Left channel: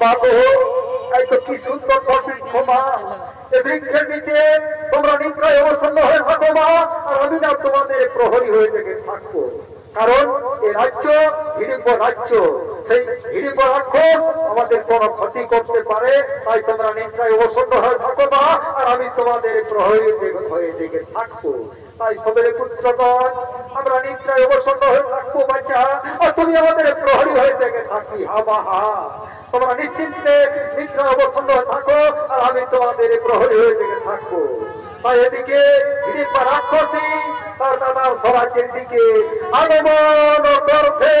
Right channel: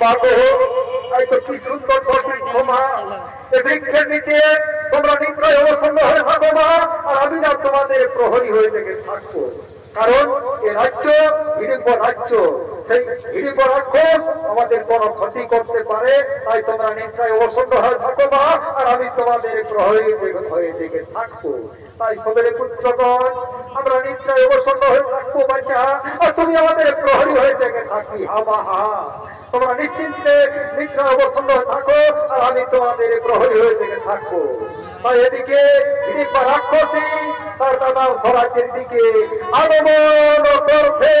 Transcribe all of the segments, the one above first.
বাবু এই তো কি সুন্দর সঠিক ক্ষমা এ বৃক্ষের নিচে তোমরা নিশ্চয় অবসন্ন হয়ে থাকো মা, আর আমি না তোমাদের প্রহরী হয়ে থেকে থাকবো। কারণ এ রাজ্য হিড়িম্ব রাজ্য, সেই হিড়িম্ব রাক্ষস আমাদের কোনো ক্ষতি করতে পারে, তাই তোমরা নিশ্চয় অবসন্ন হয়ে থাকো মা, আর আমি তোমাদের প্রহরী হয়ে থেকে থাকবো। তাই সবের পুত্রগণ আমরা নিশ্চয় অবসন্ন হয়ে থাকবো বাচ্চা, আর তুমি আমাদের প্রহরী হয়ে থেকে থাকবি। হা বা হা, তোমরা নিশ্চিন্তে নিশ্চয় অবসন্ন হয়ে থাকো, আর আমি তোমাদের প্রহরী হয়ে থেকে থাকবো। তাই এদিকে হিড়িম্ব রাক্ষসী তার দাদা স্বরাজ্যের দিকে আগমন করছে।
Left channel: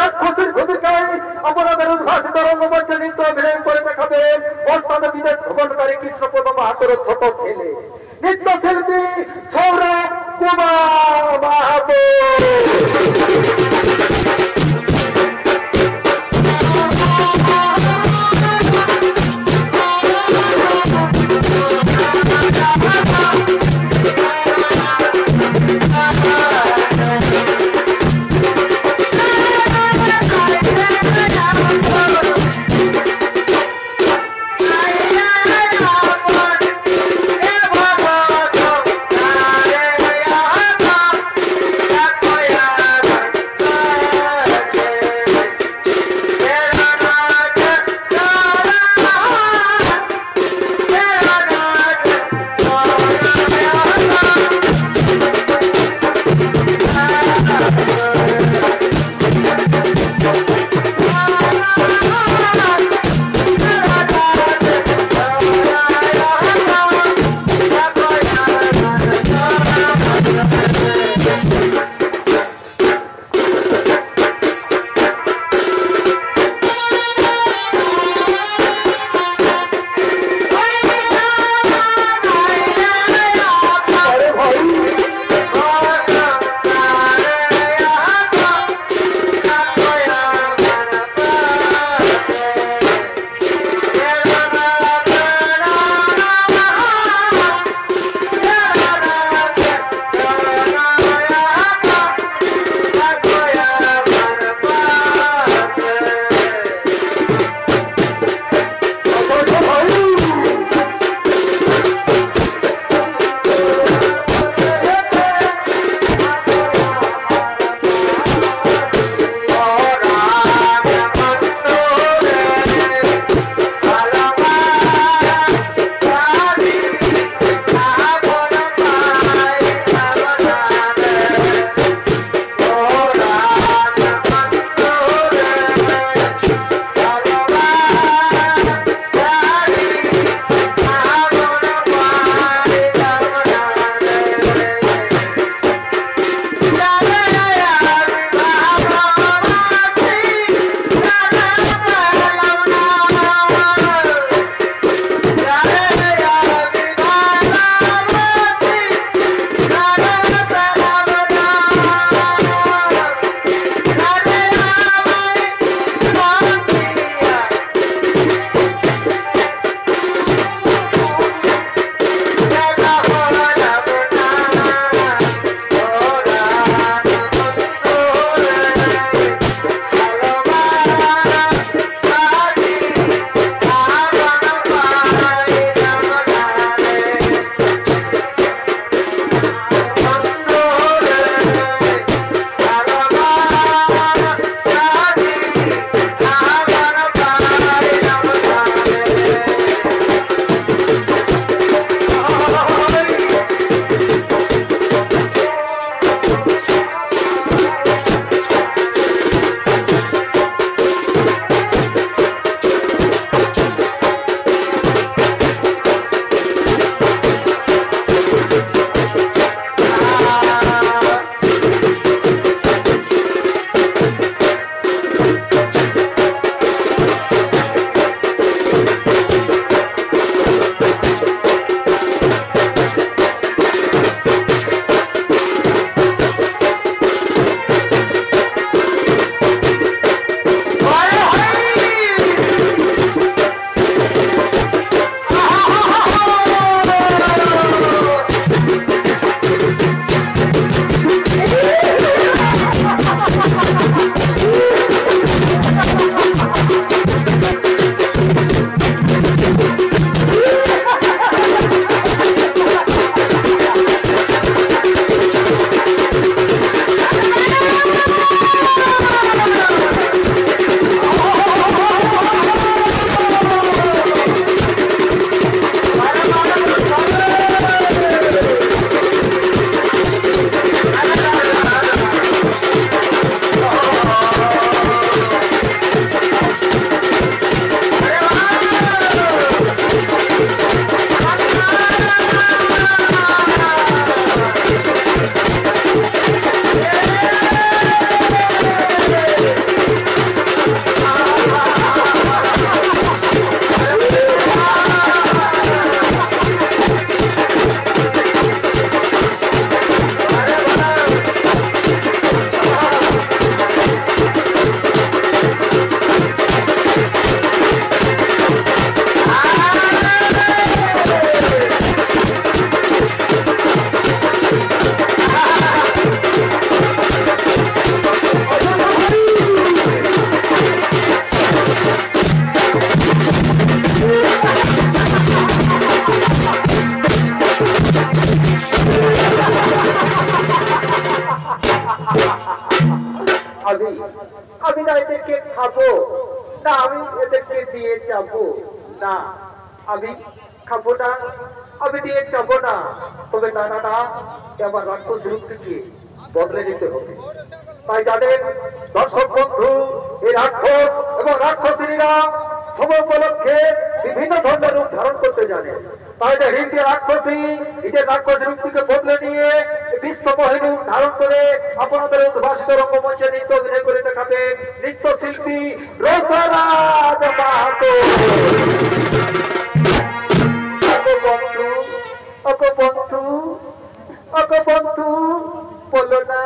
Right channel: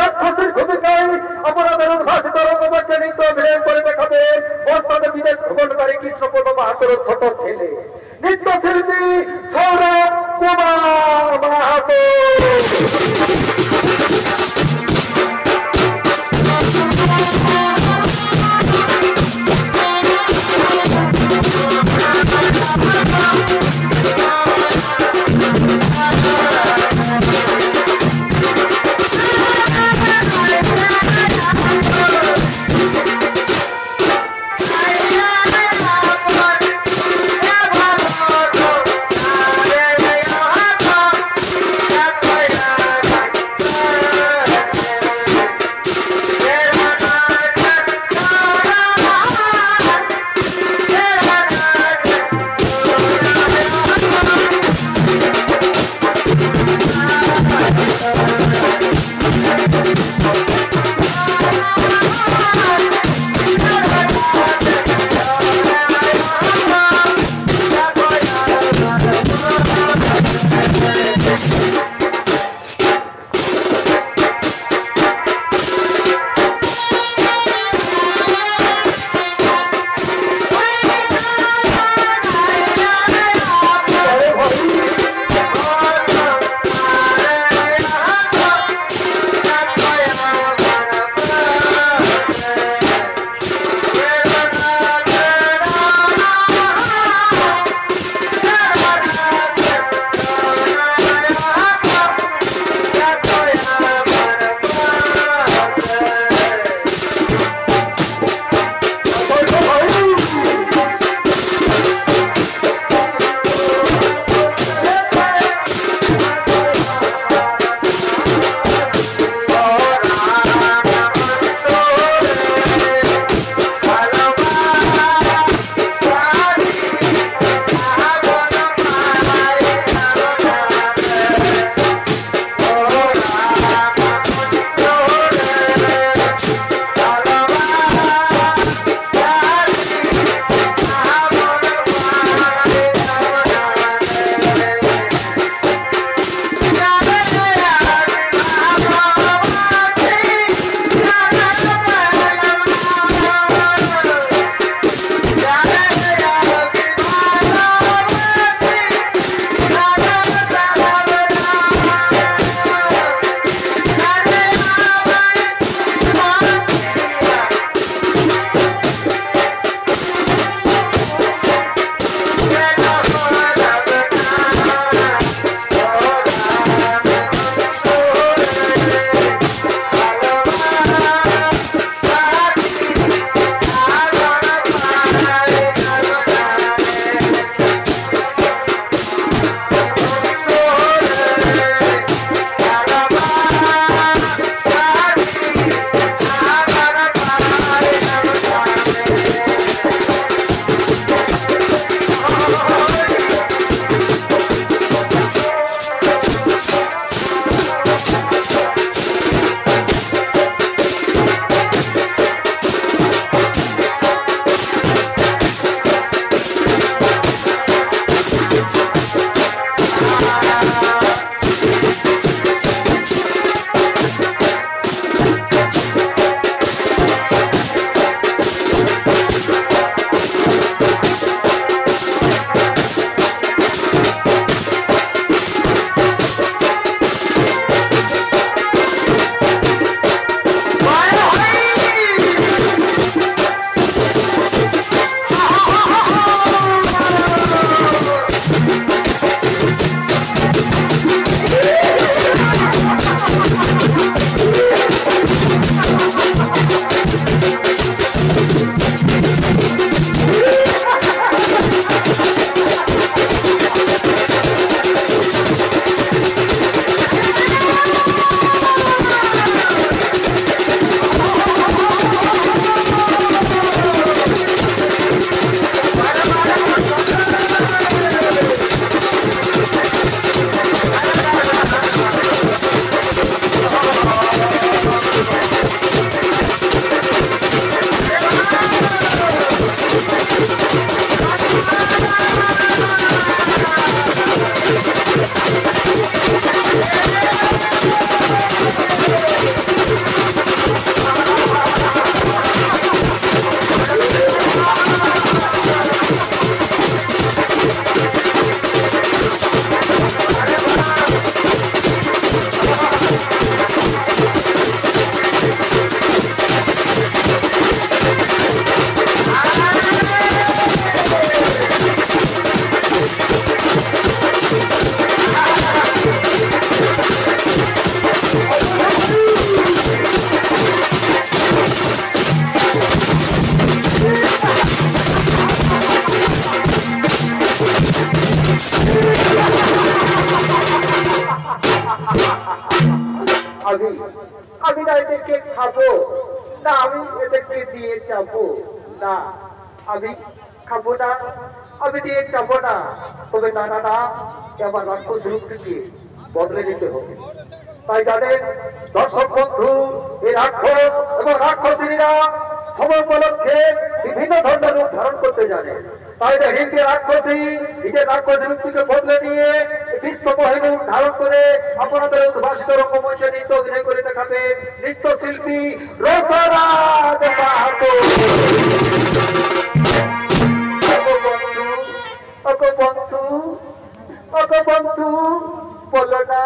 রাক্ষসীর ভূমিকায় আপনাদের উদ্ভাসিত রঙ্গমঞ্চে নৃত্য অভিনয় করে দেখাবে বর্তমানে বিদেশ ভ্রমণকারী কৃষ্ণপদ মাহাতোর ছোট ছেলে নৃত্যশিল্পী সৌরভ কুমার মাহাতো। না আমি এদেরকে দিয়ে যাবো না, আমি খাবো না, আমি দিয়ে যাবো না। তবে না না না, আমার রাক্ষস রূপটিকে বদলে দিতে হবে। তাই যাদের দর্শক বন্ধু এই রাক্ষস এবং রাক্ষসীরা সময় উপলক্ষে বিভিন্ন ধরনের রূপ ধারণ করতে জানে। তাই যে হিন্দি রাক্ষসী নিজের রাক্ষস রূপটিকে বদলে নিয়ে বিশ্বমোহিনী রূপ ধারণ করে আপনাদের উদ্ভাসিত রঙ্গমঞ্চে নৃত্য অভিনয় করে দেখাবে নৃত্যশিল্পী রসরাজ মাহাতো। বন্ধু বন্ধু বন্ধু বলো না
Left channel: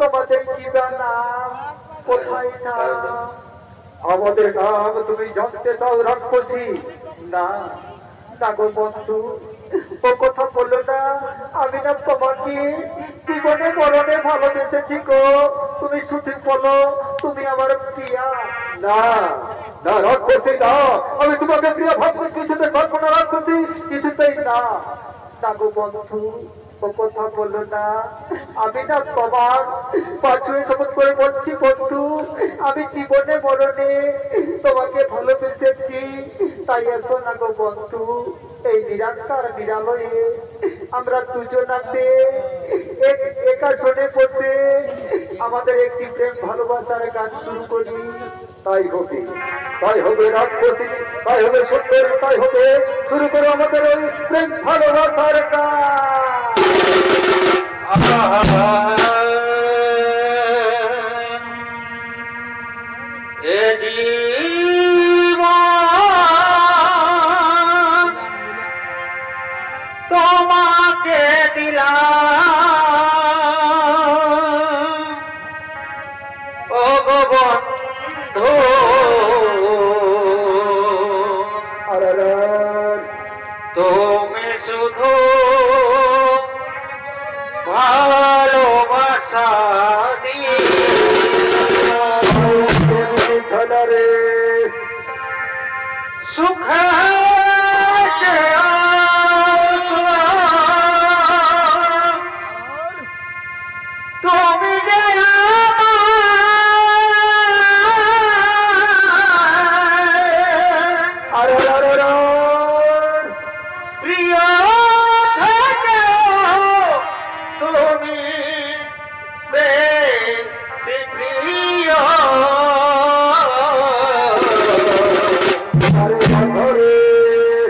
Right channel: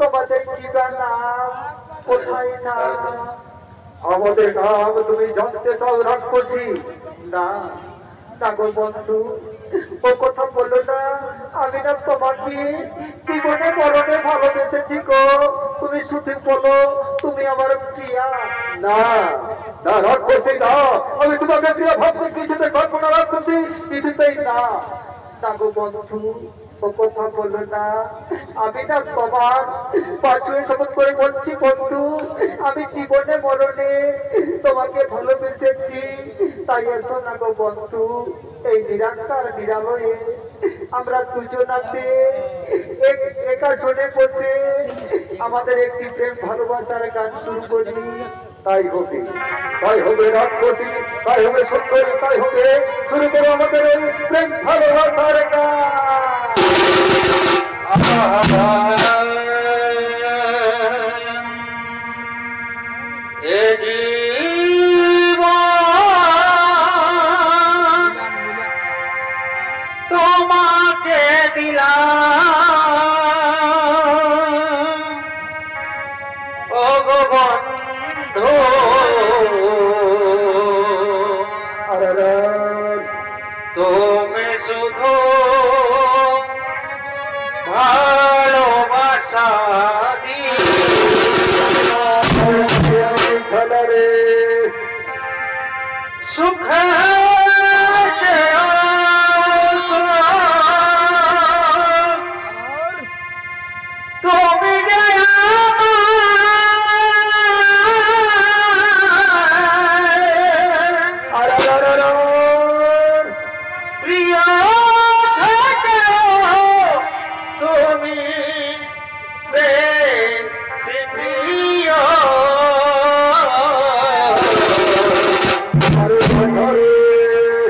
তোমাদের কি নাম, কোথায় নাম? আমাদের নাম তুমি জানতে চাও রাক্ষসী? না না গো বন্ধু, ও কথা বললো না। আমি না তোমাকে জীবনে মরণে ভালোবেসেছি গো, তুমি শুধু বলো তুমি আমার প্রিয়া। না না রাক্ষসী না, আমি তোমাকে প্রিয়া ভাবছি কিছুতে কল্পনা রাক্ষসী কিছুতেই না। না গো বন্ধু, ও কথা বললো না। আমি না তোমার পাঁচুয়ে শপথ করে বলছি বন্ধু, আমি জীবনে মরণে তোমাকে ভালোবেসেছি। তাই এসো না গো বন্ধু, এই নিরাকার নিরালয়ে আমরা দুজন আছে একা শোনে বসে আমাদের একটি প্রেম ভালোবাসার গান শুরু করি। তাই হবে রাক্ষসী, তাই হবে সুন্দরী, তাই হবে শুরু করে আমাদের এই প্রেম ভালোবাসার গান। তোমাকে দিলাম ও গো বন্ধু, তুমি শুধু ভালোবাসা দিয়ে সুখে তুমি প্রিয় তুমি প্রিয়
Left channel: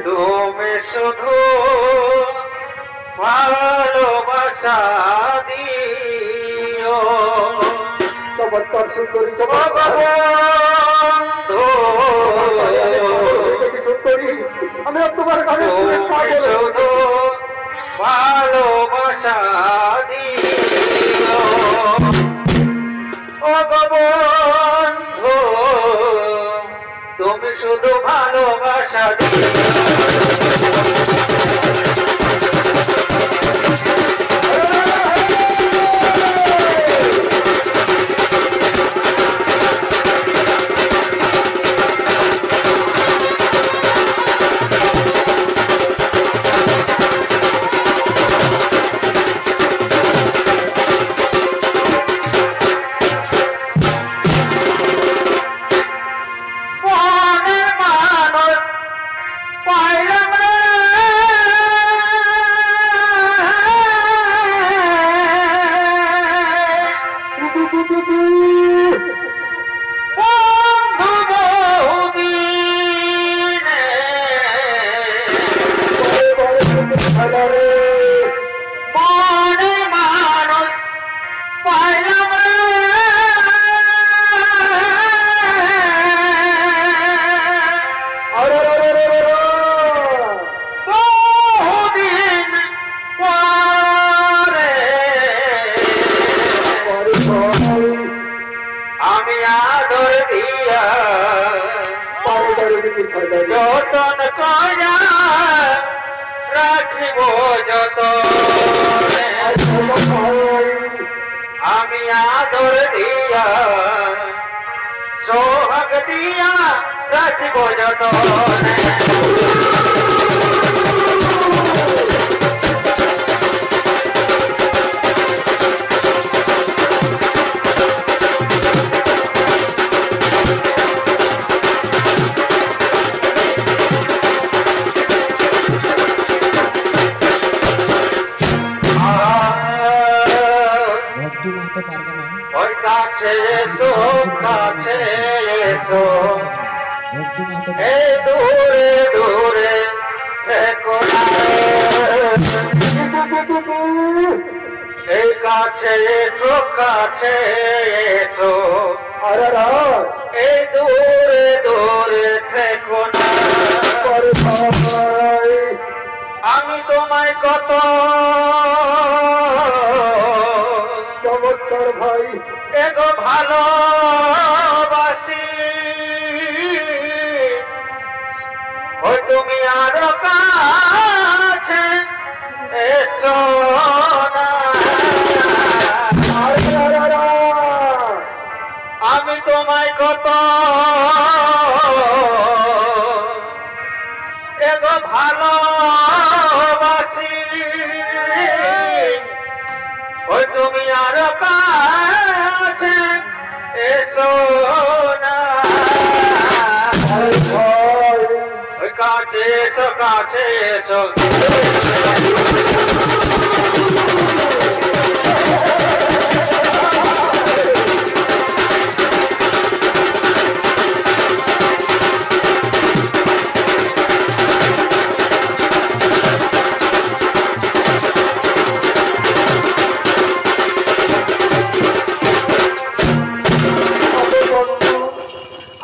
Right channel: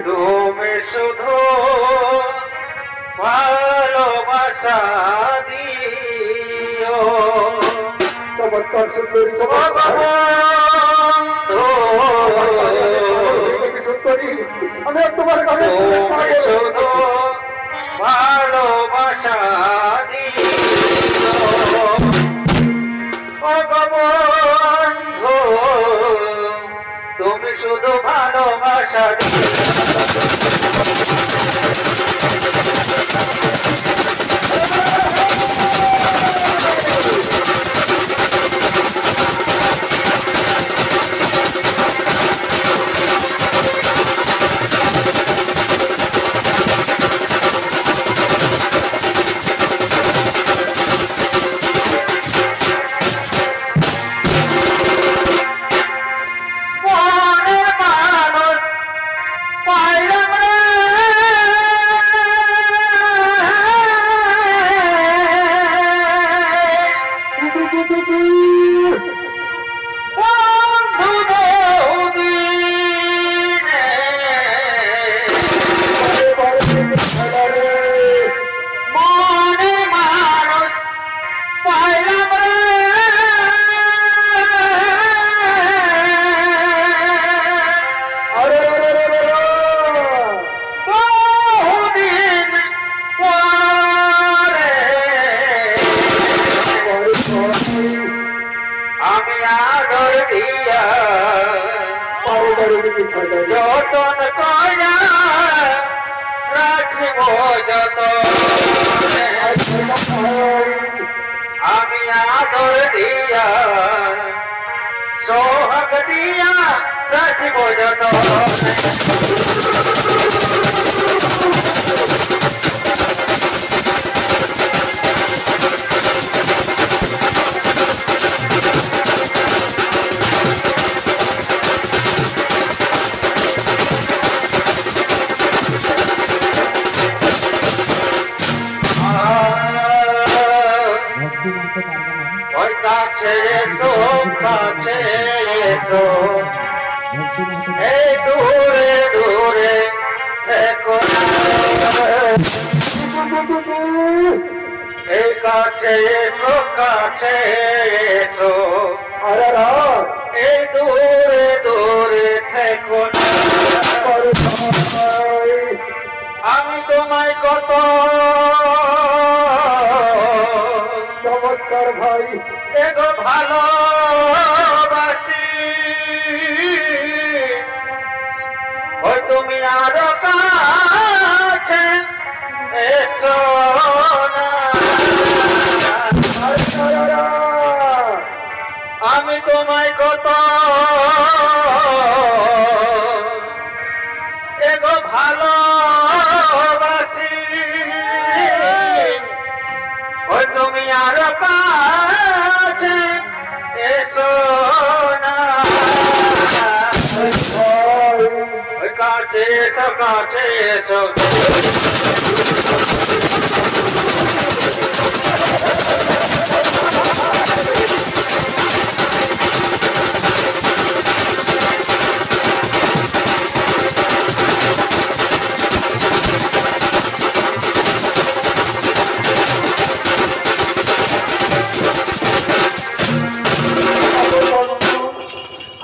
তুমি শুধু ভালোবাসা দিও। চমৎকার সুন্দরী সুন্দরী, আমি তোমার গানে শুধু ভালোবাসা দিও ও বন্ধু, তুমি শুধু ভালোবাসা দিও। আমি আদর দিয়া যতন করা রাখিব যত, আমি আদর দিয়া সোহাগ দিয়া রাখিব যত। এই দূরে দূরে দেখো না এই কাছে এসো কাছে এসো এই দূরে দূরে দেখো না আমি তোমায় কত চমৎকার ভাই এগো ভালোবাসি ও তুমি আরো কাছে এসো না আমি তোমায় কত এগো ভালোবাসি ও তুমি আরো কাছে এসো না ওই কাছে এসো কাছে এসো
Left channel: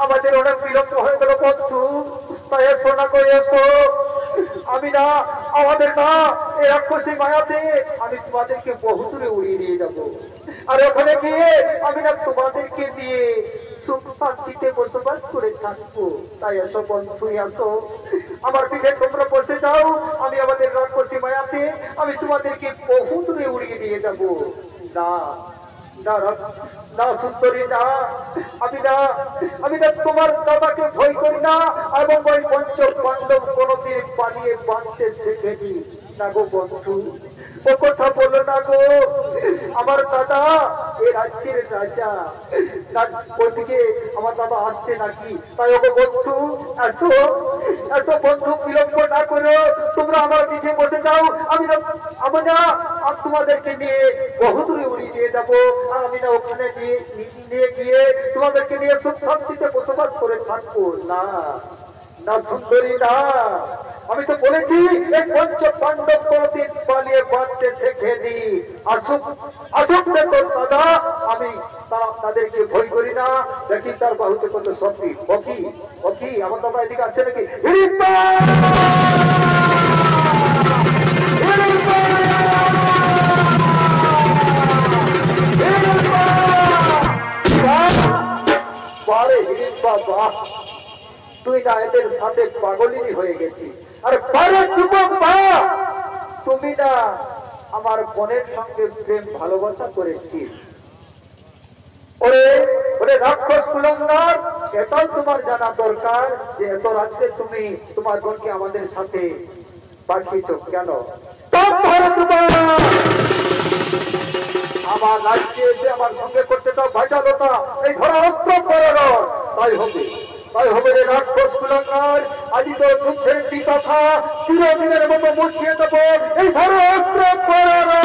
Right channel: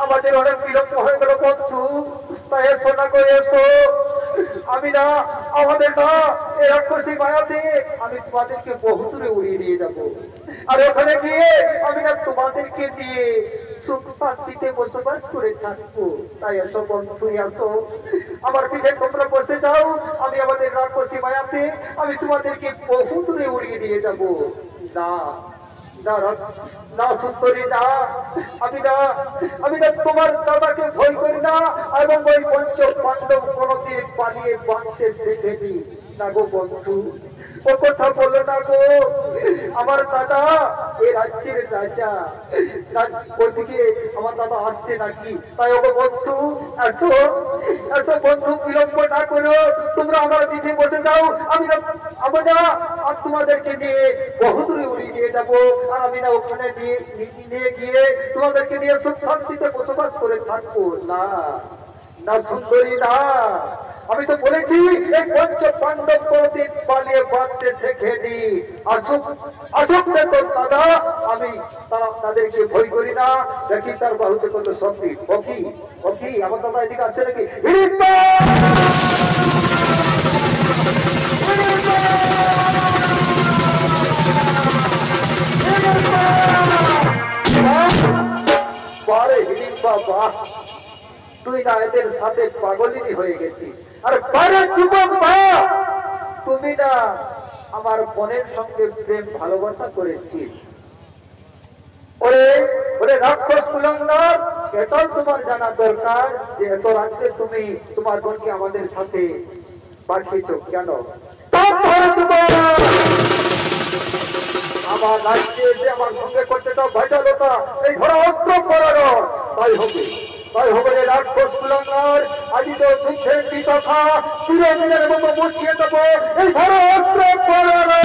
আমাদের অনেক বিলম্ব হয়ে গেল বন্ধু, তাই এসো না করে এসো। আমি না আমাদের না এই রাক্ষসী মায়াতে আমি তোমাদেরকে বহু দূরে উড়িয়ে নিয়ে যাবো, আর ওখানে গিয়ে আমি না তোমাদেরকে দিয়ে সুখ শান্তিতে বসবাস করে থাকবো। তাই এসো বন্ধু এসো, আমার পিঠে তোমরা বসে যাও, আমি আমাদের রাক্ষসী মায়াতে আমি তোমাদেরকে বহু দূরে উড়িয়ে নিয়ে যাবো। না না সুন্দরী না, আমি না তোমার দাদাকে ভয় করি না, এবং ওই পঞ্চ পাণ্ডব কোনদিন পালিয়ে বাঁচতে দেখেনি না গো বন্ধু। ও কথা বলো না গো, আমার দাদা এই রাজ্যের রাজা, ওদিকে আমার দাদা আসছে নাকি? তাই ওগো বন্ধু এসো এসো বন্ধু, বিলম্ব না করো, তোমরা আমার পিঠে বসে যাও, আমি না আর তোমাদেরকে নিয়ে বহু দূরে উড়িয়ে নিয়ে যাবো, আর আমি না ওখানে নিয়ে গিয়ে তোমাদেরকে নিয়ে সুখ শান্তিতে বসবাস করে থাকবো। না না সুন্দরী না, আমি তো বলেছি এই পঞ্চ পাণ্ডব কোনদিন পালিয়ে বাঁচতে শেখেনি। আসুক তোর দাদা, আমি তাদেরকে ভয় করি না। দেখি তার বাহুতে কত শক্তি। ওকি আমার দাদা এদিকে আসছে নাকি? তুই না এদের সাথে পাগলিনী হয়ে গেছি। আরে পারে যুবক ভাই, তুমি না আমার বোনের সঙ্গে প্রেম ভালোবাসা করেছিস। ওরে রাক্ষস কুলঙ্গার, এটাও তোমার জানা দরকার যে এত রাত্রে তুমি তোমার বোনকে আমাদের সাথে পাঠিয়েছ কেন? আমার রাজ্যে এসে আমার সঙ্গে করতে তো ভাইটালো তোরা, এই ধরো অস্ত্র করানো। তাই হবে রে রাক্ষস কুলঙ্গার, আজ তো দুঃখের বিতথা চিরদিনের মতো মুছিয়ে দেবো, এই ধরো অস্ত্র করানো।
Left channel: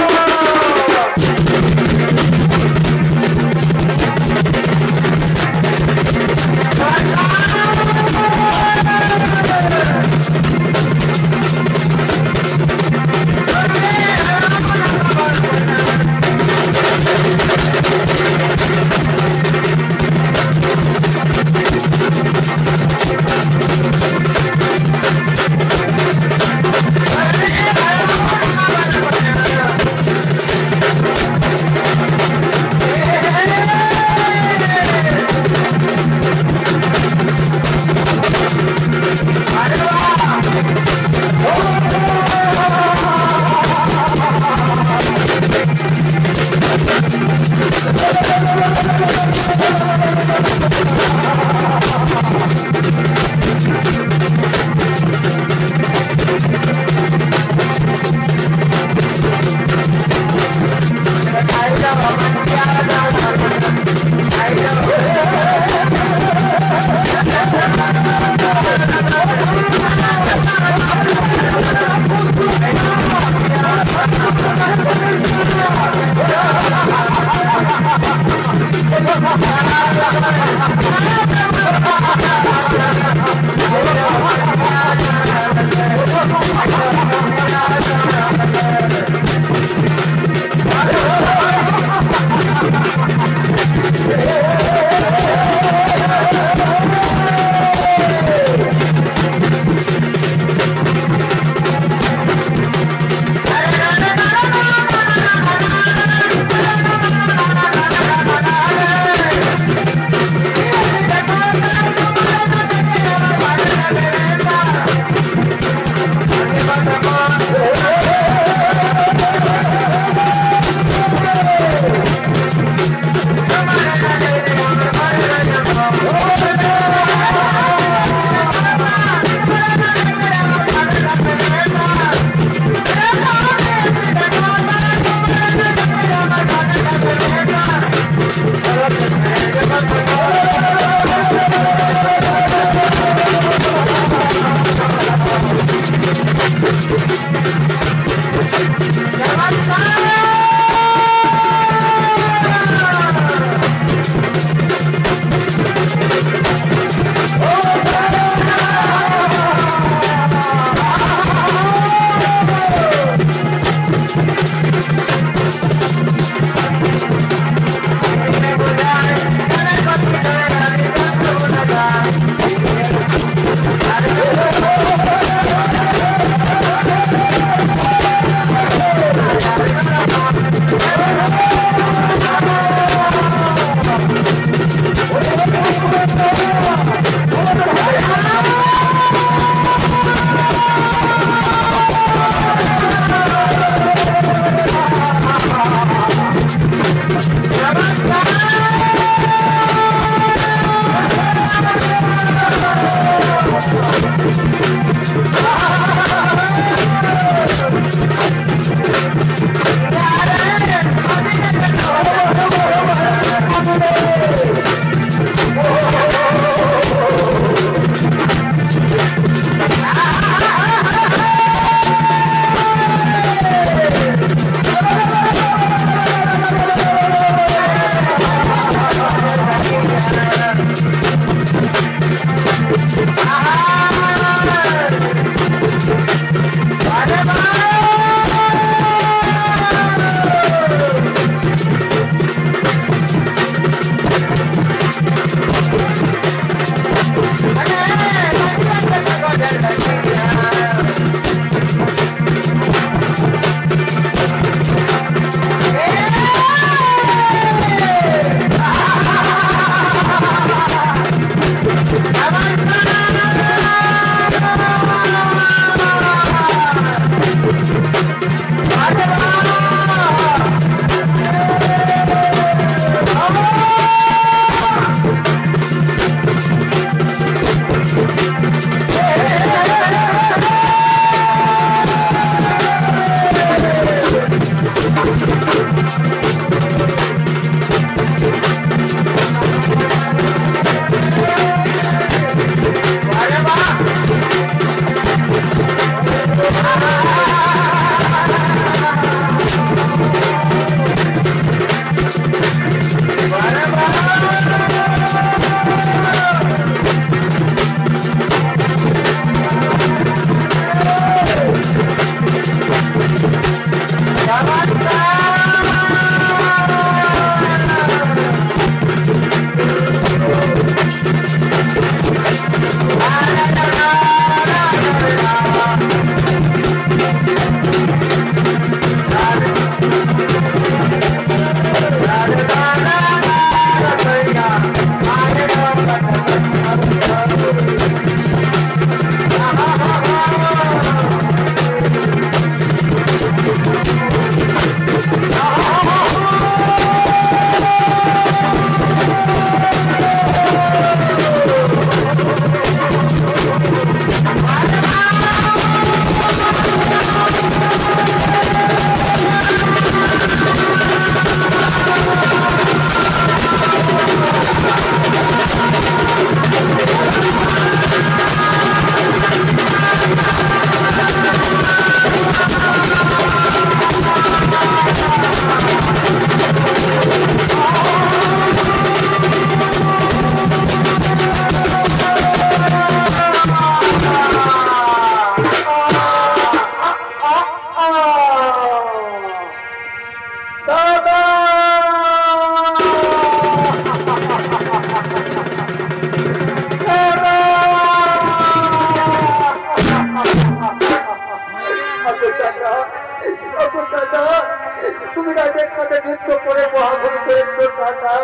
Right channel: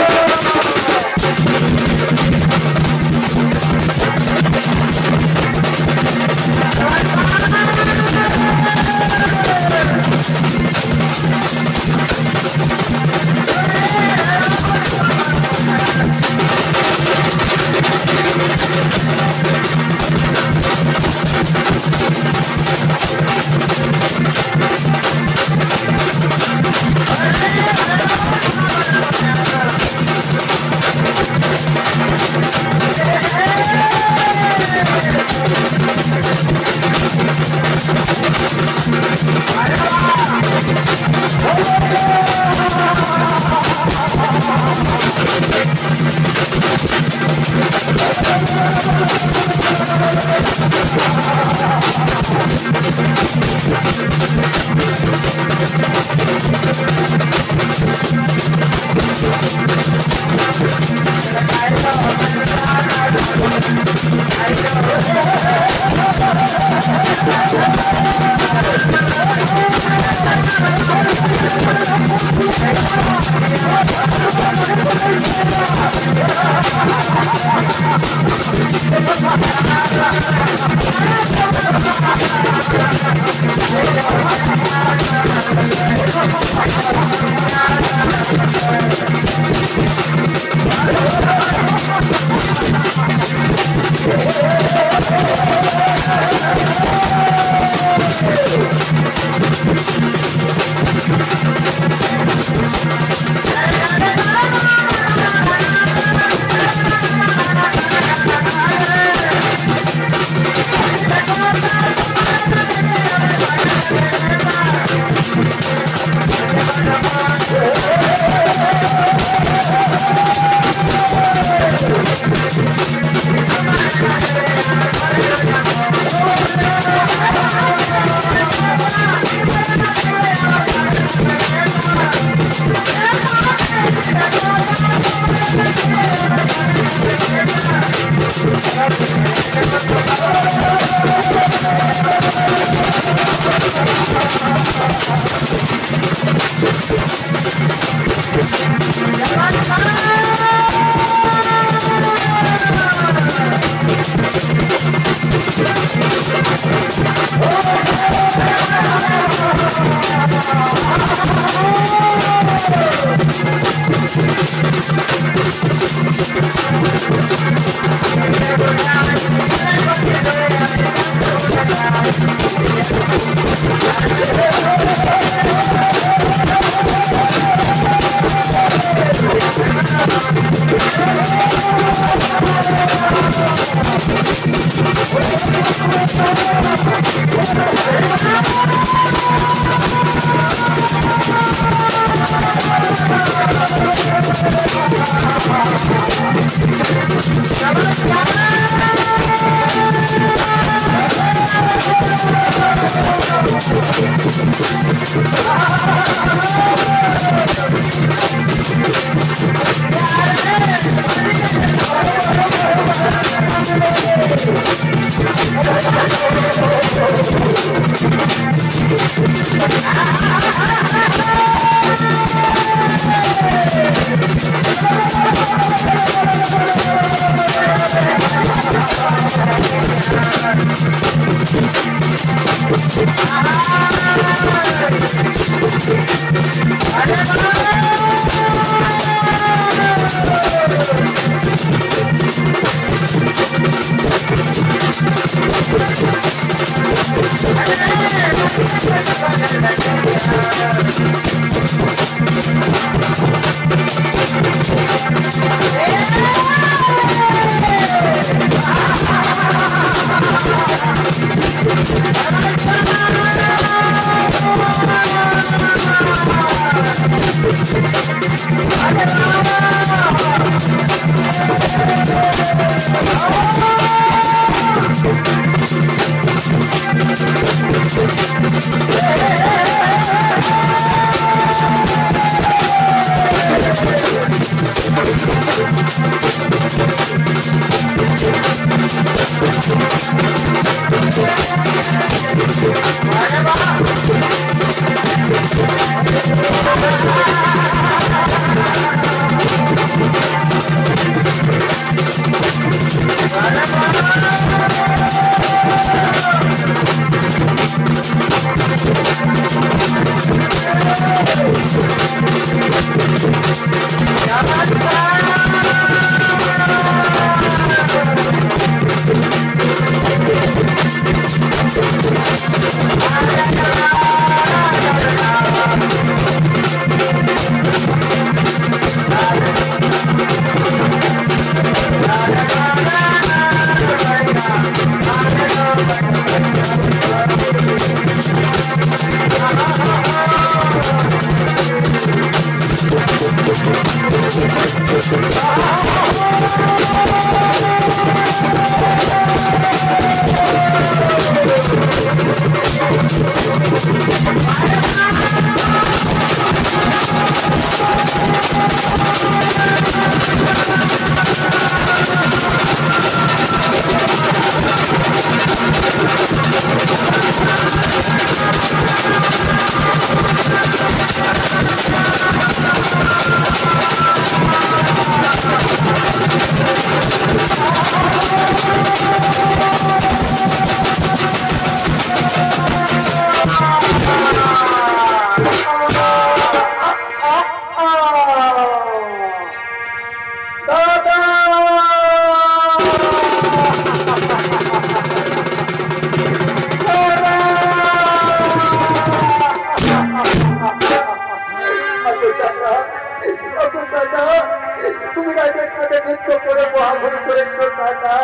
করেছো দাদা।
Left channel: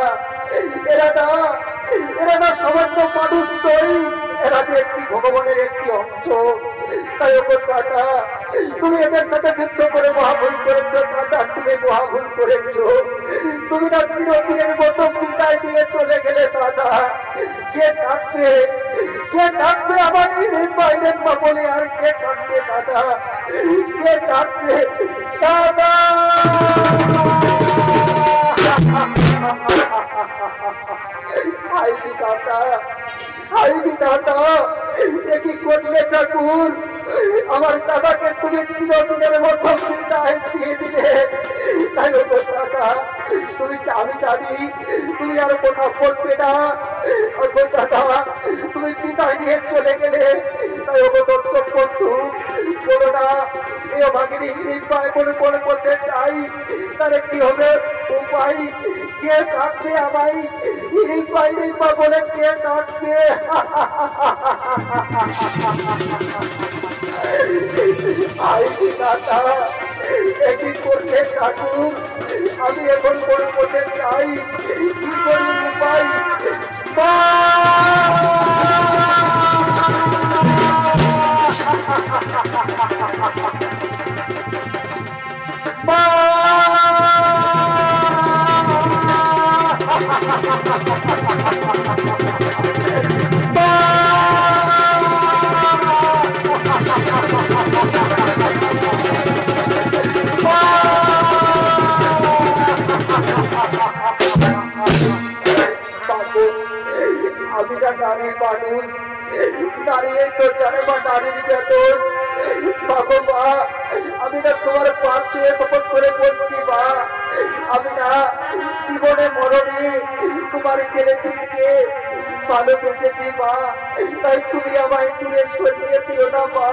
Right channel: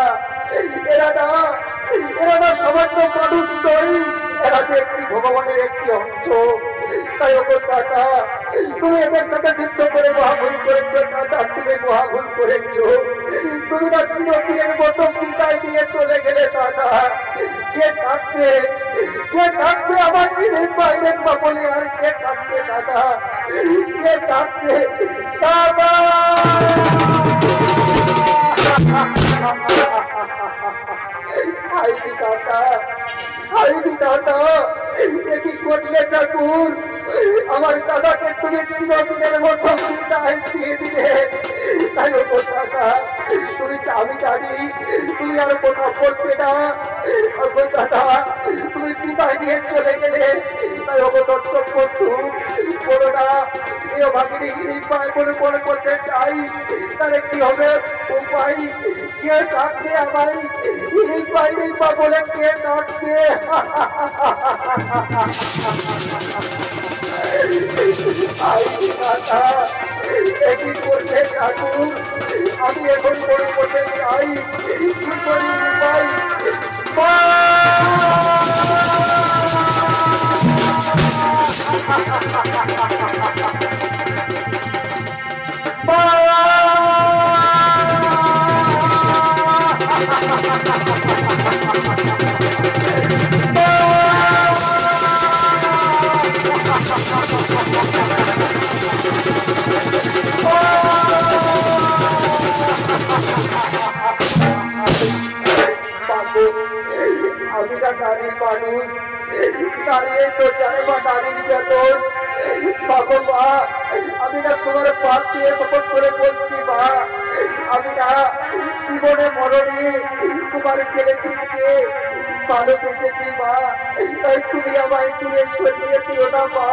এরা না সমস্ত মানুষ নয়, এরা যে একটি ভগবানের একটি অংশ। তাই ওপর দাদা, তুমি এদের সাথে যুদ্ধ করে মহাভুল করেছো দাদা, তুমি মহাভুল করেছো। তুমি না চিরদিনের মতো বিদায় দিয়ে চলে গেলে দাদা। কে থাকবে আমার বাইরের বলে, আর কে থাকবে দাদা, কে থাকবে দাদা? কি করলে ঠাকুর? আমার দাদাকে তুমি চিরদিনের মতো বিদায় দিয়ে দিলে। তাই ওপর দাদা, আমি জানি তুমি আর কোথাও করবে না। ওপর দাদা, তুমি বিদায় নিয়ে চলে গেলে। তাই ওপর দর্শক বন্ধু বলো না, এ ভাগিনী পায় করে করতে চাই, তাহলে কি হবে উপায়? কে ডাকবে আমায়? রিপা বলে কে ডাকবে? একই করছে ঠাকুর, আমি এখন করে করতে চাই, কি করি উপায়? আমি না নারী মানুষ, দাঁড়িয়ে তো জানে বা নারী নির্যাতন। বাবু মা, আমি না তোমার পাশ দিয়ে তপন করে বলছি মা, আমি না জীবনে মরণে তোমার ছেলে দিকে ভালো দেখেছি মা। তাই তুমি আমায় দূরে সরিয়ে দিও না মা,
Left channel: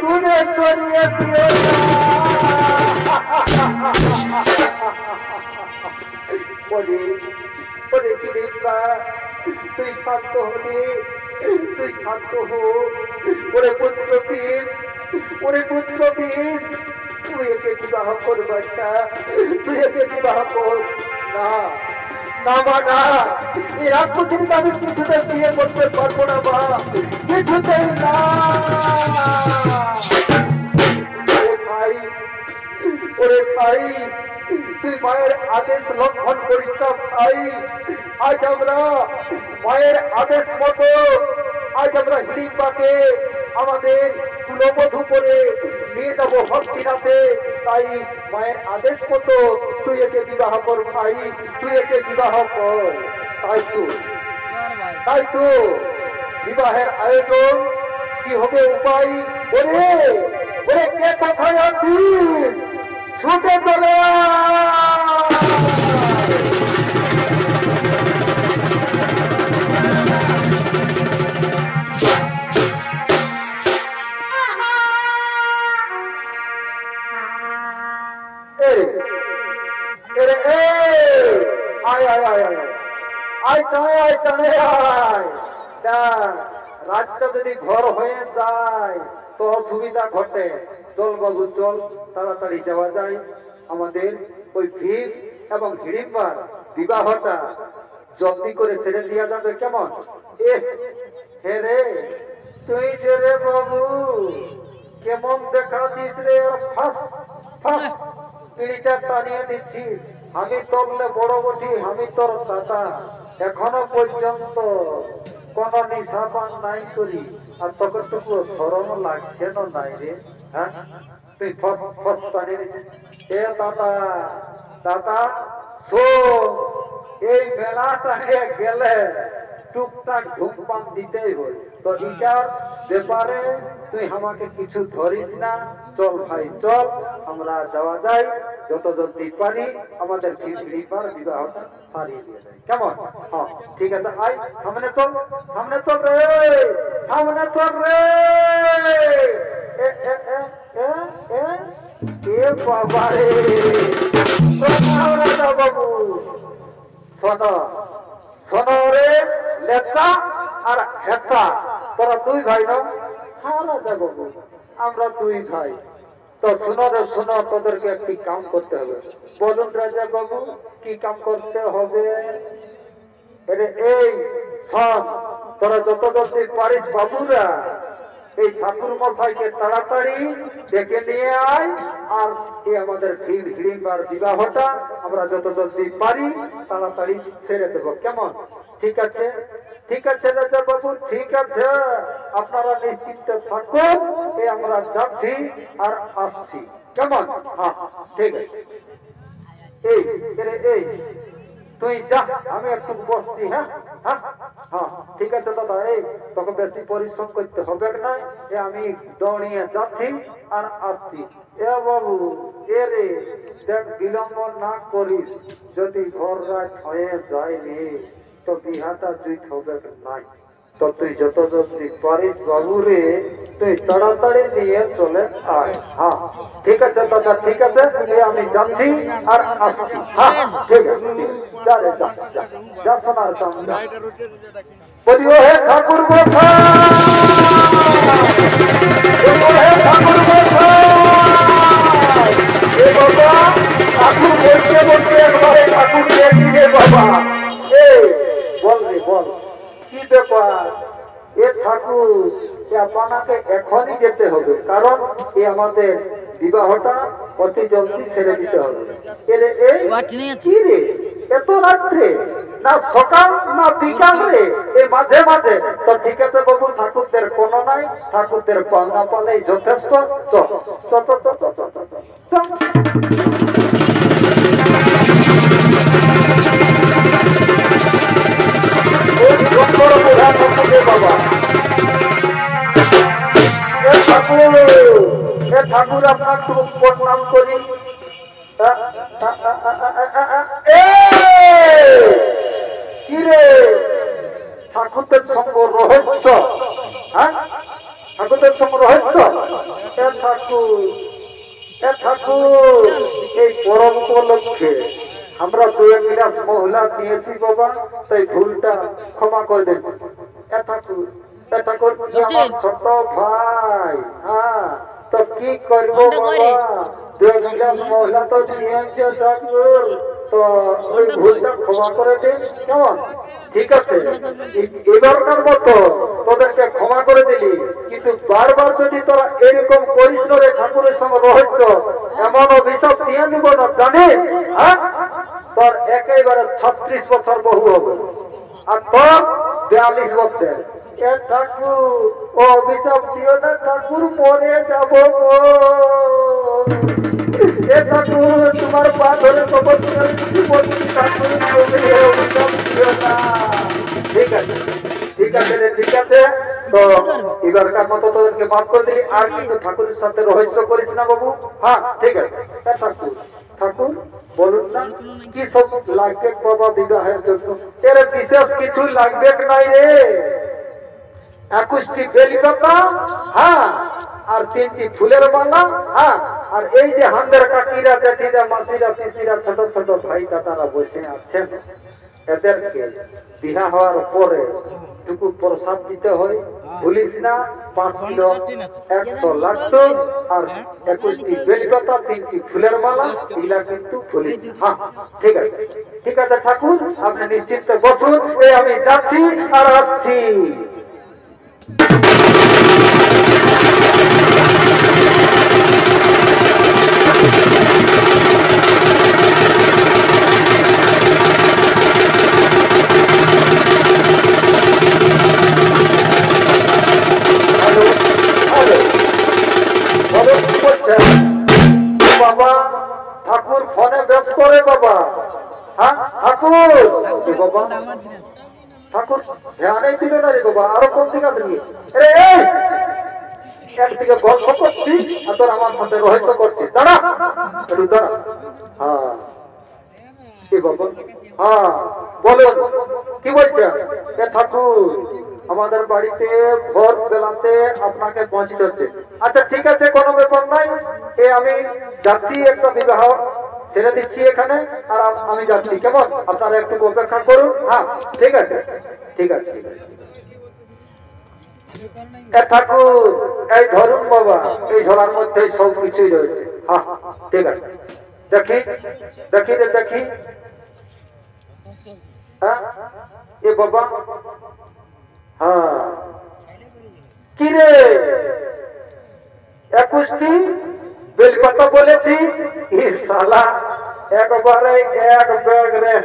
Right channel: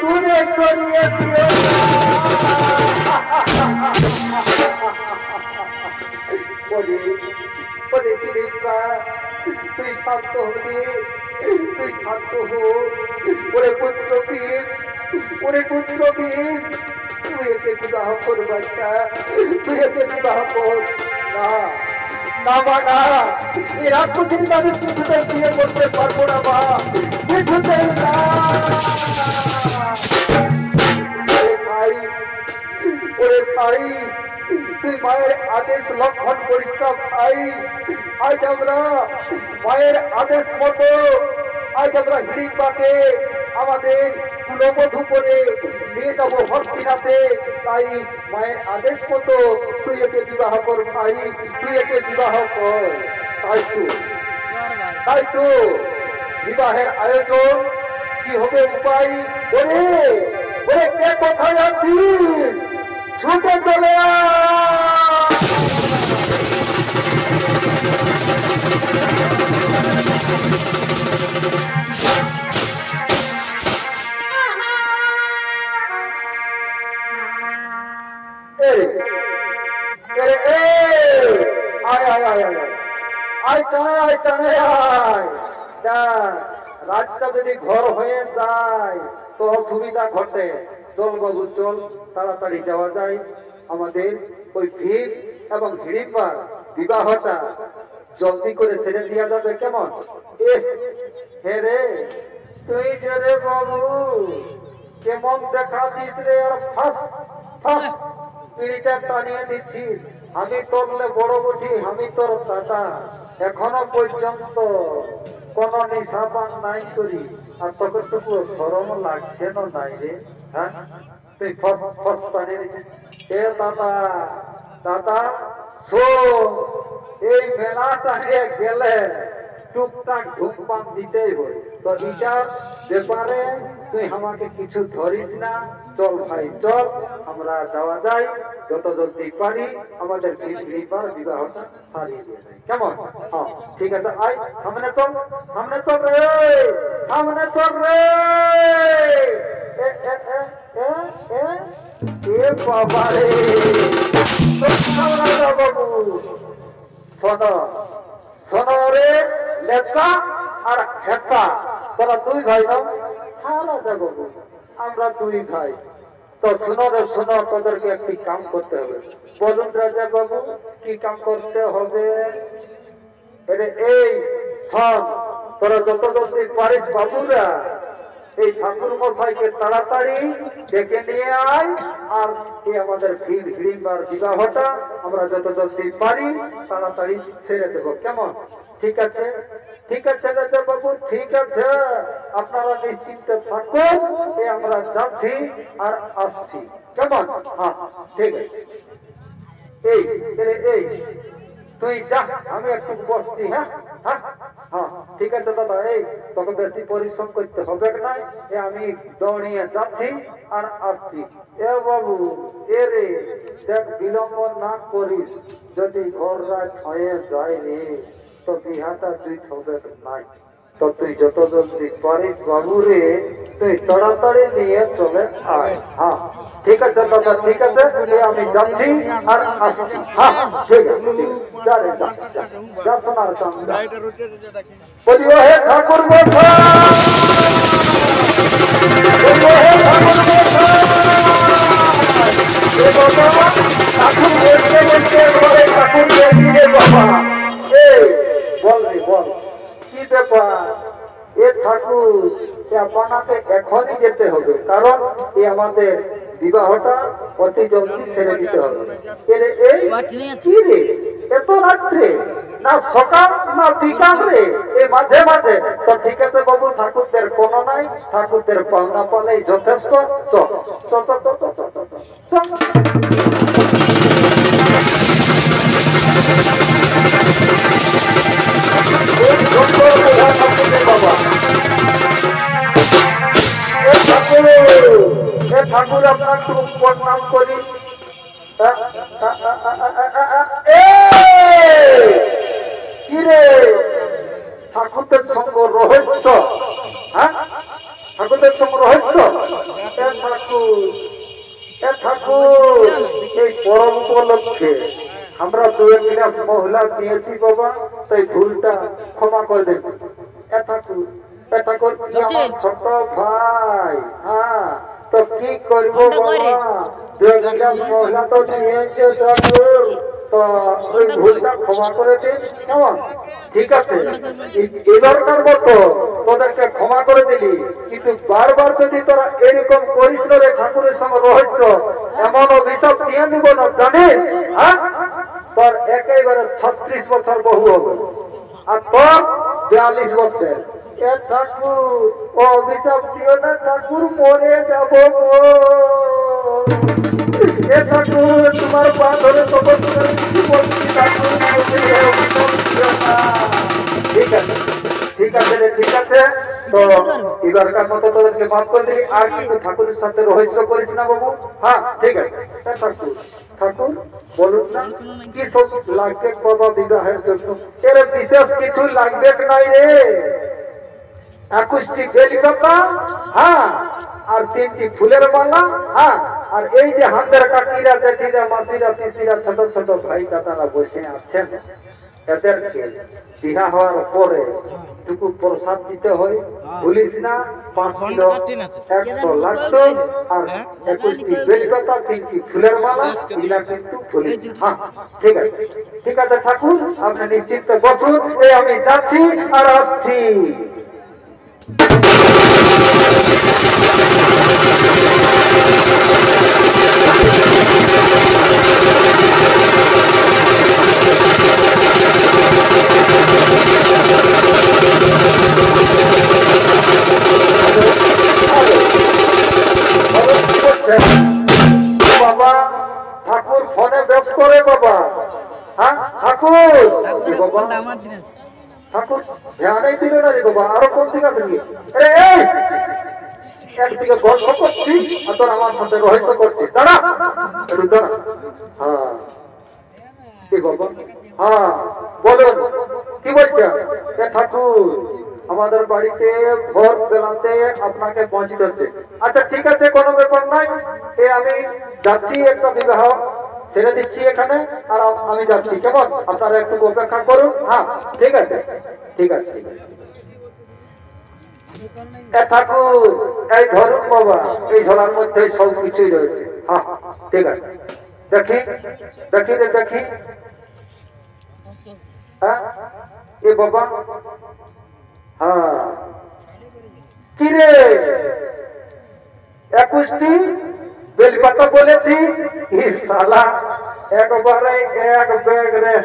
দূরে সরিয়ে দিও না। তুই শান্ত হবি, তুই শান্ত হো। ওরে পুত্রবীর, তুই একে বিবাহ কর বাচ্চা, তুই একে বিবাহ কর না। না মা না, এই রাজপুত্রী আমি কিছুতেই বিয়ে করতে পারবো না মা, কিছুতেই না। ওরে ভাই, তুই মায়ের আদেশ লঙ্ঘন করিস না ভাই। আজ আমরা মায়ের আদেশ মতো হিড়িম্বাকে আমাদের কুলবধূ করে নিয়ে যাবো হস্তিনাথে। তাই মায়ের আদেশ মতো তুই একে বিবাহ কর ভাই, তুই একে বিবাহ কর। তাই তো বিবাহের আয়োজন কি হবে উপায়? বলে কে কোথায় আছিস? ছুটে চলে রাতটা যদি ঘর হয়ে যায় তো অসুবিধা ঘটে। চল বাবু চল, তাড়াতাড়ি যাওয়া যায়। আমাদের ওই ভিড় এবং হিড়িম্বার বিবাহটা জলদি করে ছেড়ে দেওয়া যাবে কেমন? হে রে, তুই যে রে বাবু কেমন দেখা দিস রে, পিড়িটা টানিয়ে দিচ্ছিস। আমি তোরলে বড় বটি, আমি তোর দাদা, এখনো পর্যন্ত কোন নিশাপান নাই করি, আর ততটুকু সরম লাগছে না নাই রে। হ্যাঁ, তুই ফস টানিয়ে দিচ্ছিস। এ দাদা, দাদা শোন, এই মেলা টানিয়ে গেলে টুকটাক ধূমপান দিতেই হয়। তো এটার ব্যাপারে তুই আমাকে কিছু ধরিস না। চল ভাই চল, আমরা যাওয়া যায়, যত জলদি পারি আমাদের বিবাহটা সারিয়ে দিয়ে যায় কেমন? হ্যাঁ ঠিক আছে, আয় সামনে চল, সামনে চল রে, সামনে চল রে। বাবা রে বাবু, শোনো রে লেপটা আর হেপটা, তোরা দুই ভাই নাও। হ্যাঁ রাজা বাবু, আমরা দুই ভাই। তো শোনো রে শোনো, তোদেরকে একটি কাম করতে হবে। বলুন রাজা বাবু, কি কাম করতে হবে? এই সব তোরা যত জলদি পারিস বাবুরা, এই ঠাকুর মশাইকে তাড়াতাড়ি ডেকে নিয়ে আয়, আর এই আমাদের ভিড় হিড়িম্বার বিবাহটা আমরা যত জলদি পারি তাড়াতাড়ি ছেড়ে দেব, কেমন? ঠিক আছে, ঠিক আছে রাজা বাবু, ঠিক আছে, আপনারা নিশ্চিন্তে থাকুন, এই আমরা যাচ্ছি আর আসছি, কেমন? হ্যাঁ ঠিক আছে। এই এই তুই যা, আমি একটু বসছি। হ্যাঁ হ্যাঁ হ্যাঁ ঠিক আছে দাদা, এই তোকে বেশি পরিশ্রম করতে হবে না, আমি দৌড়িয়ে যাচ্ছি আর আসছি। এ বাবু, এ রে দেখ, বিলম্ব না করিস, যদি ঘর রাত হয়ে যায় রে তো বিহাটা তুই হবে নাই। তো তুই যত জলদি পারিস বাবু রে, তুই তাড়াতাড়ি নিয়ে চলে আয়। হ্যাঁ ঠিক আছে দাদা, ঠিক আছে, আমি যাচ্ছি আর আসছি। হ্যাঁ ঠিক আছে, যা রে যা, যা শোনার সামনে বলিও হে ঠাকুর মশাই, বলিও হে ঠাকুর মশাই। এ বাবা, ঠাকুর বলতে বলতে একবারে ঠাকুর বেশি রে বাবা। এই বল রে বল, কি ব্যাপার? এ ঠাকুর, আপনাকে এখনই যেতে হবে, কারণ এ আমাদের বিবাহটা অতি জলদি ছেড়ে দিতে হবে। কি রে এত রাত্রে, না সকাল না বিকাল রে, এই মাঝে মাঝে? তো ঠিক আছে বাবু, ঠাকুরদের কোনো নাই, ঠাকুরদের পাওনা পালেই যথেষ্ট। বাবা ঠাকুর আপনার প্রণাম করি। কি রে ঠাকুরদের সঙ্গ রহস্য? হ্যাঁ ঠাকুরদের সঙ্গ রহস্য? ঠাকুর এই পরম উপলক্ষে আমরা দু একটা মহিলা নিয়েছি বাবা, তো এই ভুলটা ক্ষমা করবেন। ঠাকুর আমার ছোট ভাই, হ্যাঁ তো কি করবো মহিলা তো নিয়েছে ঠাকুর, তো ওই ভুলটা ক্ষমা করে দিন, কেমন? ঠিক আছে, এবারকার মতো তোদেরকে ক্ষমা করে দিলি, কিন্তু বারবার যদি তোরা এরকম করিস রে ঠাকুরের সঙ্গে রহস্য, এমন অভিশাপ দিয়ে দিব না জানিস? হ্যাঁ তোর একেবারে 36 বছর বহু হবে, আর তোর 42 বছর। ঠাকুর ও অভিশাপ দিও না ঠাকুর, মরে যাব গো। ঠাকুর তোমার পা ধরে বলছি ঠাকুর, অভিশাপ দিও না। ঠিক আছে ঠিক আছে রে, ঠিক আছে, তো এবারকার মতো তোদেরকে মাফ করে দিলি, আর কিন্তু ঠাকুরের সাথে রহস্য করিস না বাবু। হ্যাঁ ঠিক আছে। ঠাকুর ঠাকুর বলুন না, কি সব লাগবে বাবা বিবাহের জন্য? এর বিশেষ কিছু লাগবে নাই রে, 21টি বেলপাতা, হ্যাঁ, আর 3টি ফুলের মালা, হ্যাঁ, আর এই যে হাতের কাকিরা, জেঠিরা, মাসিরা, পিসিরা, ছোট ছোট ভাই কাকারা বসে আছেন, এদেরকে বিবাহ হওয়ার পরে টুকু প্রসাদ দিতে হয়, ভুলিস না। 5 কিলো 100 লাগতো, আর 21টি বেলপাতা, 3টি ফুলের মালা, এগুলা কিন্তু ভুলিস। হ্যাঁ ঠিক আছে, ঠিক আছে ঠাকুর, আপনি নিশ্চিন্তে বসুন, এই আমি যাচ্ছি আর আসছি। বাবা ঠাকুর ফোনে ব্যস্ত রে বাবা। হ্যাঁ ঠাকুর, বাবা ঠাকুর ধ্যানে দিলে না রে বাবা, আরো কোন দিকে আছে? একদিকে গল্প করছি আর তোর আমার সাথে রহস্য করছি, দাঁড়া একটু দাঁড়া। হ্যাঁ কি বাবা? হ্যাঁ বলুন, কি বলছেন? ঠাকুর আমাদের বাড়িতে ভোর বেলাতে আপনাকে পৌঁছতে হচ্ছে। আচ্ছা ঠিক আছে, কোনো ব্যাপার নাই, আমি যাচ্ছি, একটা বিবাহ ছেড়ে দিচ্ছি এখানে, আর আমি যাচ্ছি, কেমন? আপনারা একটু অপেক্ষা করুন। হ্যাঁ ঠিক আছে ঠিক আছে ঠিক আছে। ঠাকুর এই ধরুন বাবা, এই ঝোলার মধ্যে সব কিছুই রয়েছে। হ্যাঁ ঠিক আছে, দেখি দেখি দেখি। হ্যাঁ এ বাবা, হ্যাঁ কি রে 21টি বেলপাতা বলেছি, শালা একবারে এক ব্যাগ রে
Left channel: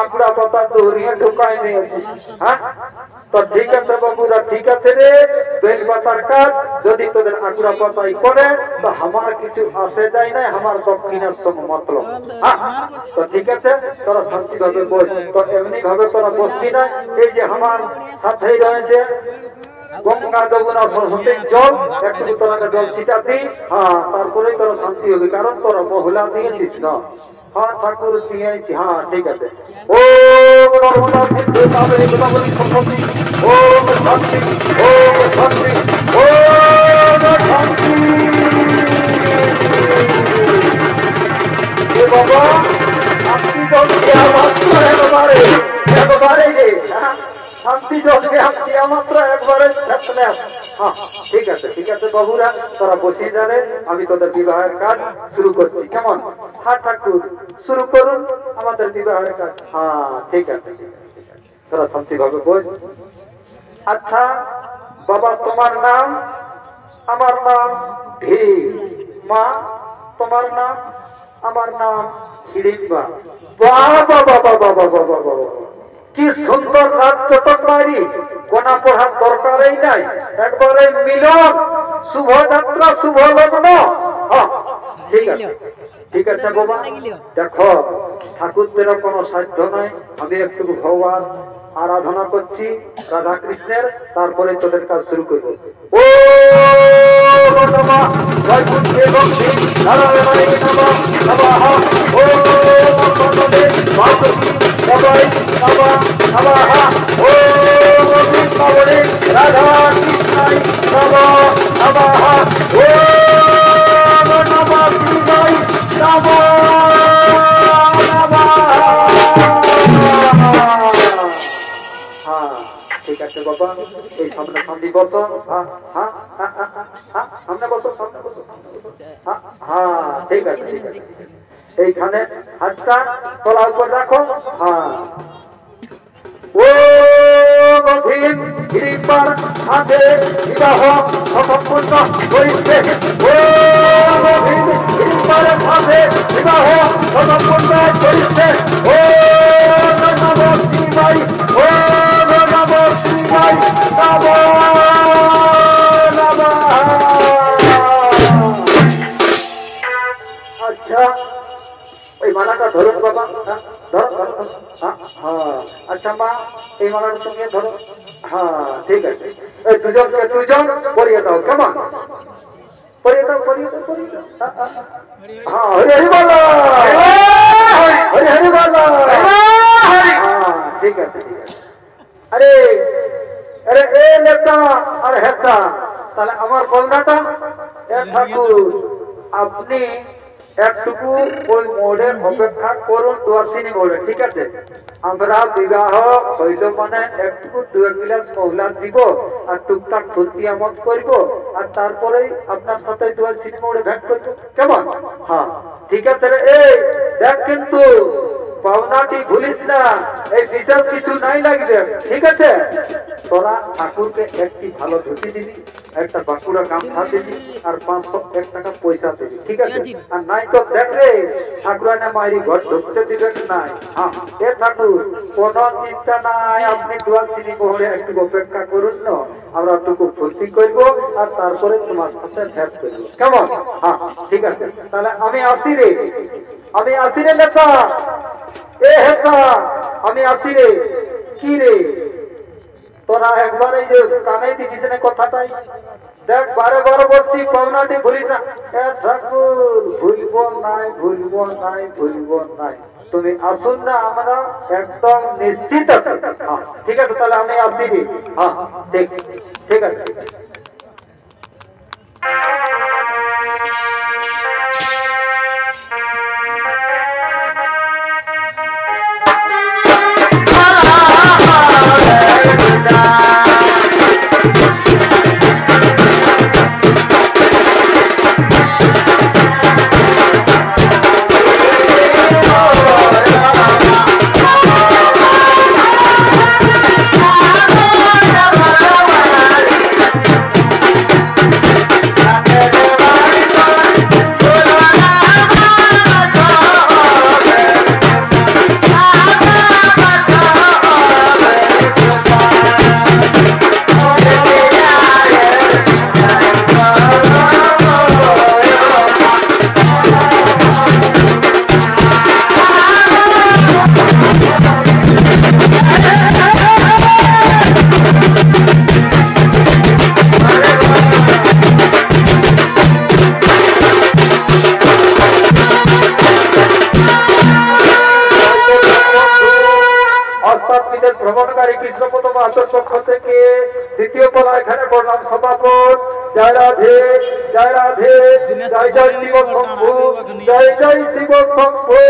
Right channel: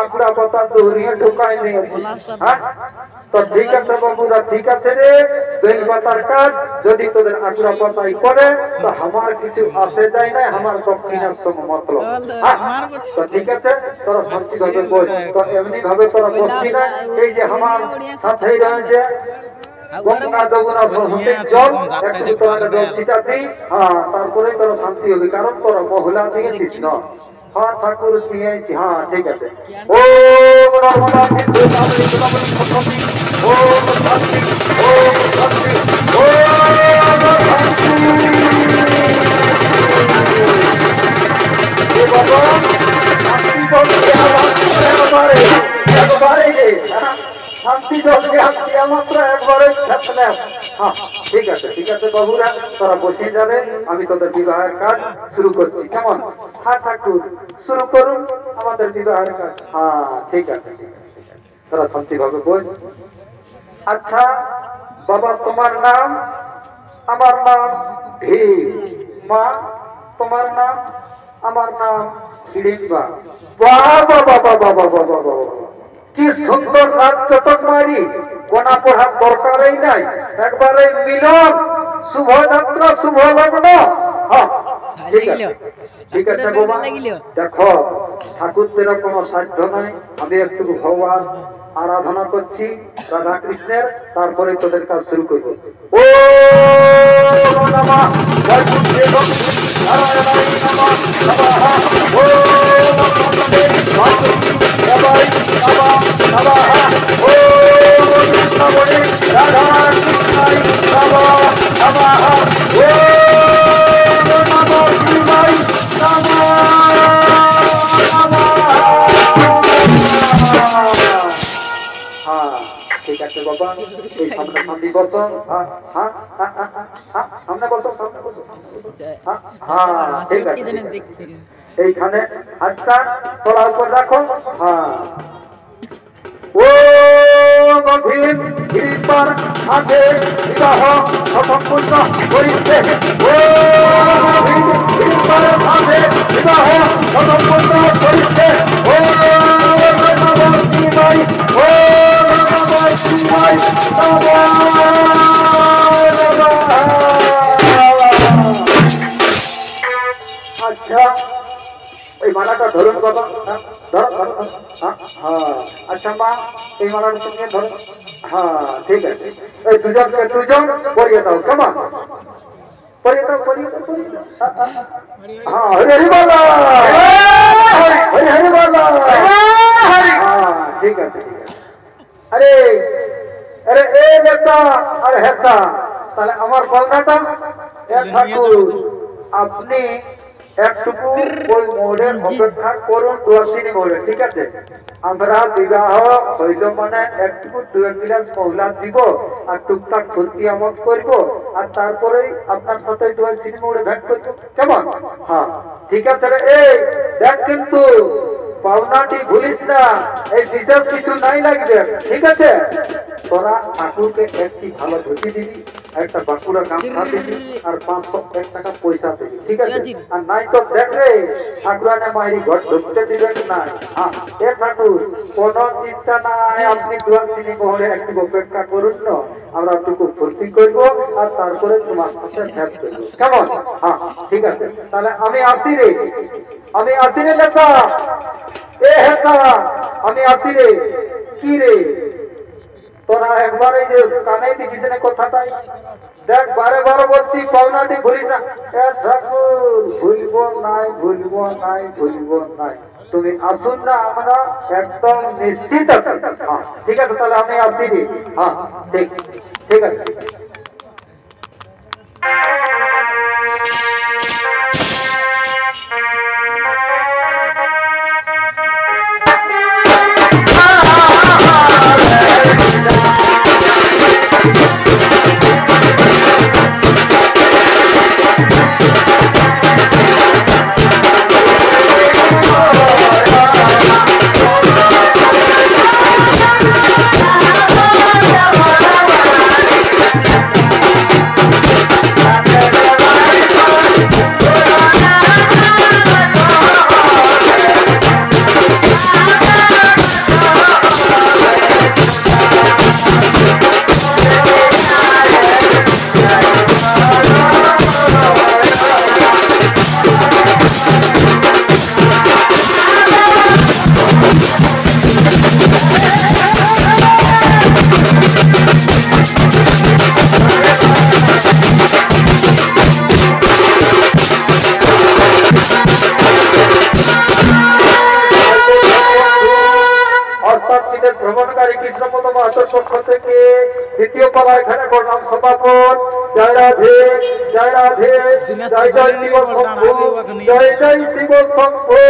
আঁকড়া পাতা দৌড়িয়ে ঢুকায় নিয়েছি। হ্যাঁ তো ঠিক আছে বাবুরা, ঠিক আছে রে, বেলপাতার কাজ যদি তোদের আঁকড়া পাতাই করে তো আমার কিছু আসে যায় না, আমার দক্ষিণের সঙ্গে মতলব। হ্যাঁ তো ঠিক আছে, তোরা শান্তি ভাবে বল। তো এমনি ভাবে তোরা বসছি না, এই যে আমার সাথেই রয়েছে গঙ্গা যমুনা সরস্বতীর জল, একটু তোরা জল ছিটাতি। হ্যাঁ তারপরেই তোরা শান্তি হবে, কারণ তোরা মহিলা দিয়েছিস না। হ্যাঁ ঠাকুর দিয়েছি। হ্যাঁ ঠিক আছে। ওম নর্মদা সিন্ধু কাবেরী গোদাবরী সরস্বতী, ওম শান্তি, ওম শান্তি, ওম শান্তি। এ বাবা শান্তি জল দেওয়া মাত্র একবারে একবারে রে, শান্তি জল দেওয়া মাত্র একবারে থাকলে। হ্যাঁ ঠিক আছে, ঠিক আছে বাবুরা, তোরা বসে যাবে, আমি তোদের বিবাহের কাজ শুরু করছি। কেমন? হ্যাঁ ঠাকুর শুরু করুন আমাদের বিবাহের কাজ। হ্যাঁ ঠিক আছে, তোরা শান্তি ভাবে বল। আচ্ছা বাবা, তোমার নাম? আমার নাম ভীম। মা তোমার নাম? আমার নাম হিড়িম্বা। বাবা বাবা বাবা বাবা বাবা, কি সুন্দর নাম চটক মারি, কোনা পড়ার দরকারই নাই, একবারে মিলন, শুভ যাত্রা, শুভ লগ্ন। হ্যাঁ ঠিক আছে, ঠিক আছে বাবা। দেখো ঠাকুরদের কোনো সাধ্য নয়, আমি একটু ভগবান আরাধনা করছি রাধা কৃষ্ণের, তারপরে তোদের কাজ শুরু করবো। ও নমঃ বৈকুণ্ঠে ভক্তি নারায়ণায় নমঃ নমঃ। ও নমঃ বাসুকি সবাই নমঃ নমঃ। ও কৃষ্ণবরে রাধা কৃষ্ণায় নমঃ নমঃ। ও নমঃ শিবায় নমঃ নমঃ। ঠিক আছে বাবা, এই সামনে সামনে বসো। হ্যাঁ হ্যাঁ হ্যাঁ সামনে বসো, সামনে বসো। হ্যাঁ ঠিক আছে, ঠিক আছে। এইখানে হাতটা তোলা উপর রাখো। হ্যাঁ ও ভীম হিড়িম্বার হাতে বিবাহ সম্পূর্ণ করিতে। ও ভীম হিড়িম্বারের হাতে বিবাহ সম্পূর্ণ করিতে। ও নমঃ শিবায়, ও নমঃ শিবায় নমঃ নমঃ। আচ্ছা ওই মালাটা ধরুন বাবা, ধরো ধরো। হ্যাঁ আচ্ছা মা, এই মালাটা তুমি ধরো। হ্যাঁ ঠিক আছে, এই দুজনকে দুজন পরিয়ে দাও। কেমন? পরিয়ে দাও, পরিয়ে দাও, পরিয়ে দাও। হ্যাঁ হরি হরি বলো, হরি হরি বলো। হ্যাঁ ঠিক আছে, ঠিক আছে। আরে আরে এ নেতা আর হেতা, তাহলে আমার কন্যাটা ঠাকুর আপনি একটুকু ওই মোড়ে অপেক্ষা করুন, 2 মোড়ে। ঠিক আছে, আমরা বিবাহ হইল মানে একটুকু 2 গ্লাস মহলা দিব আর টুকটাক ফুর্তি আমদ করব, আর তারপরেই আপনার সাথে 2 মোড়ে ভেট করবো। কেমন? হ্যাঁ ঠিক আছে রে। এই দেখ কিন্তু পাওনাটি ভুলিস না, এই বিশেষ কিছু নাই লাগবে। ঠিক আছে, তোরা ঠাকুরকে একটি ভালো ধুতি দিবি, একটা বাঁকুড়া গামছা দিবি, আর 501 টাকা পয়সা দিবি। ঠিক আছে, আর নাই তো দেখ রে ঠাকুরানে মায়ের ঘর ঢুকতে দিবেন নাই। হ্যাঁ এ ঠাকুর কোনো চিন্তা নাই, আপনি 2 মোহরে একটু অপেক্ষা করুন না, আমরা একটু ফুর্তি করবো আর তারপরে তোমার সাথে ভেট করবো। কেমন? হ্যাঁ ঠিক আছে, তাহলে আমি আসি রে, আমি আসি রে লেখা। এ হেতা আমি আসি রে। কি রে তোরা একবারে যে কানে দিছিস না কথাটাই, দেখ বারে বারে বলছি পাওনাটি ভুলিস না। এ ঠাকুর ভুলবো নাই, ভুলবো নাই, ভুলবো নাই। তুমি আসুন না, আমরা একদম নিশ্চিত আছি। হ্যাঁ ঠিক আছে, তাহলে আমি আসি রে। হ্যাঁ ঠিক, ঠিক আছে। Ah ব্রহ্মচারী কৃষ্ণপদ মাহাতোর পক্ষ থেকে দ্বিতীয় পালা এখানে প্রণাম সমাপন। জয় রাধে জয় রাধে, জয় জয় শিব শম্ভু, জয় জয় শিব শম্ভু।